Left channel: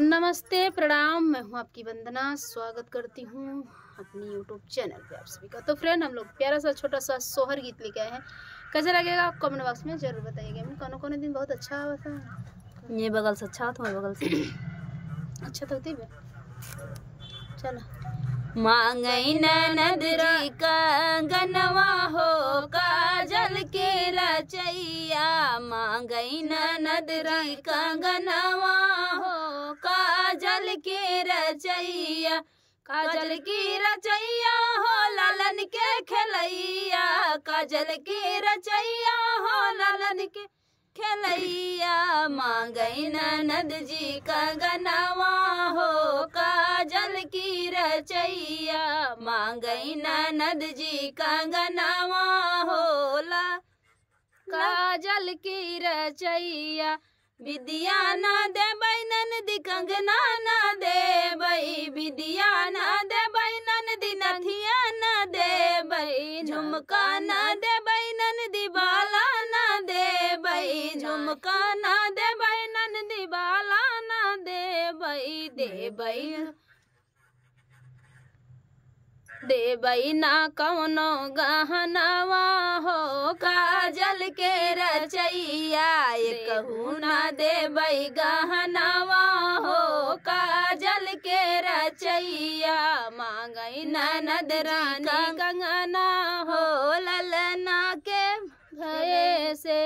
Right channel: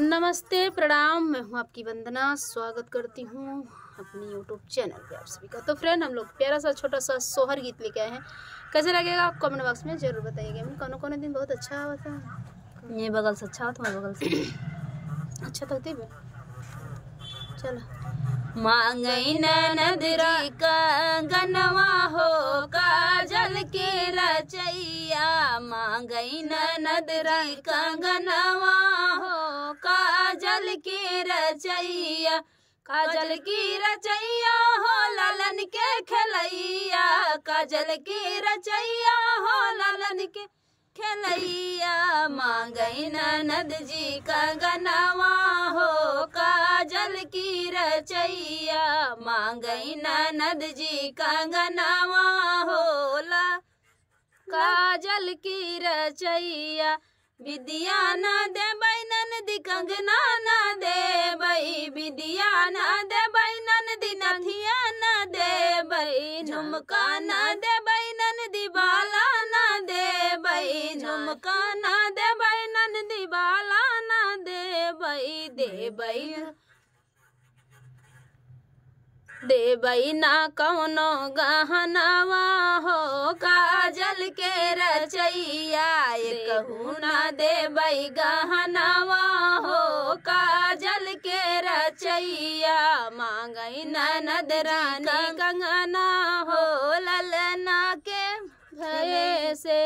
नमस्ते, प्रणाम। मैं हूँ आपकी वंदना। स्वागत करती हूँ अपनी यूट्यूब चैनल पे आप सभी का। तो फ्रेंड, हम लोग प्यारा सा छोटा सा सोहर गीत लेके आए हैं। कैसा लगेगा आप कमेंट बॉक्स में जरूर बताइएगा। कौन दिन बहुत अच्छा हुआ था। ये बगल से अच्छा तुम्हारे बगल से अच्छा तक दे चल। मांगई ननदरा कंगनवा हो काजल के रचैया, मांगई ननदरा कंगनवा हो काजल के रचैया, काजल की रचैया हो लालन के खलैया, काजल की रचैया हो लालन के खलैया, मांगई ननद जी कंगनवा हो काजल की रचैया, मांगई ननद जी कंगनवा हो ला काजल की रचैया, विद्या न देबै ननदी कंगना न देबै, विद्या न देबै ननदी नथिया न देबै, झुमका न देबै ननदी बाला न देबै, झुमका न देबै ननदी बाला न देबै, देबै ना कौनो गहनवा हो काजल के रचैया, कहू ना देबै गहनवा हो काजल के रचैया, मांगई ननद रानी कंगना हो ललना के भये से,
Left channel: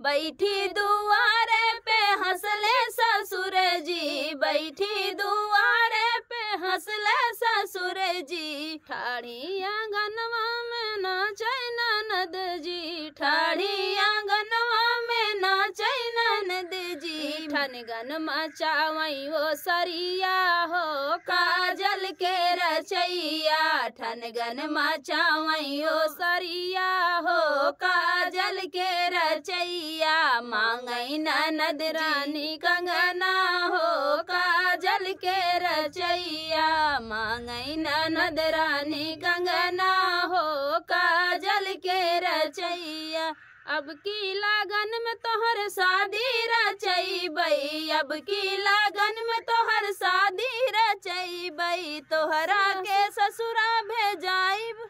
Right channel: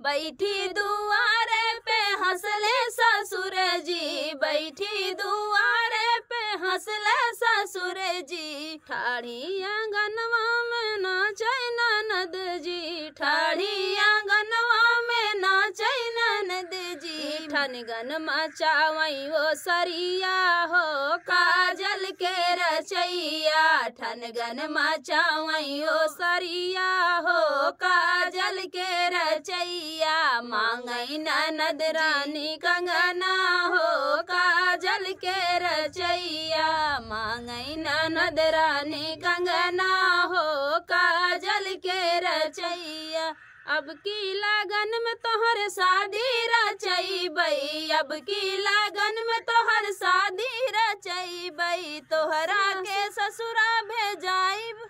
बैठी दुआरे पे हंसले ससुर जी, बैठी दुआरे पे हंसले ससुर जी, ठाड़ी आंगनवा में नाचै ननद जी, ठाड़ी आंगनवा में नाचै ननद जी, ठनगन मचावई वो सरिया हो काजल के रचैया, ठनगन मचावई वो सरिया हो काजल के रचैया, मांगई ननद रानी कंगना हो काजल के रचैया, मांगई ननद रानी कंगना हो काजल के रचैया, अब की लागन में तोहर शादी रचैबै, अब की लागन में तोहर शादी रचैबै, तोहरा के ससुरा भेजाइब,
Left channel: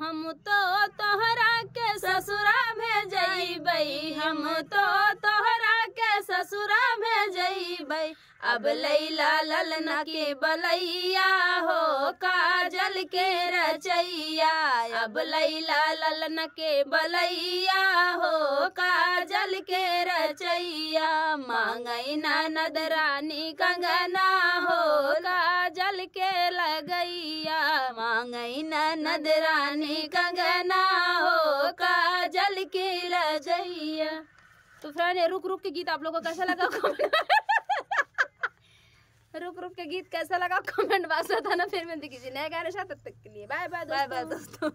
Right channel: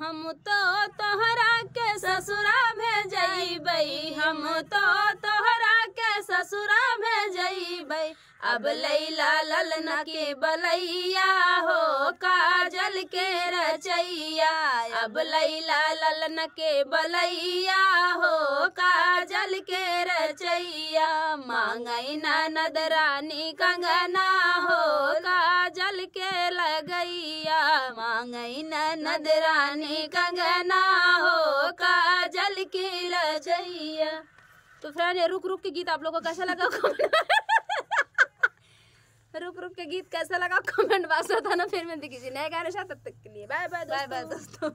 हम तो तोहरा के ससुरा भेजबै, हम तो तोहरा के ससुरा भेजबै, अब लैला ललना के बलैया हो काजल के रचैया, अब लैला ललना के बलैया हो काजल के रचैया, मांगई ननद रानी कंगना हो काजल के लगैया, मांगई ननद रानी कंगना हो काजल के लगैया। तो फ्रेंड, रुक रुक के गीत आप लोगों को कैसा लगा रुक रुक के गीत कैसा लगा कमेंट बॉक्स में बताना। फिर मैं किसी नए गाने साथ, तब तक के लिए बाय बाय दोस्तों।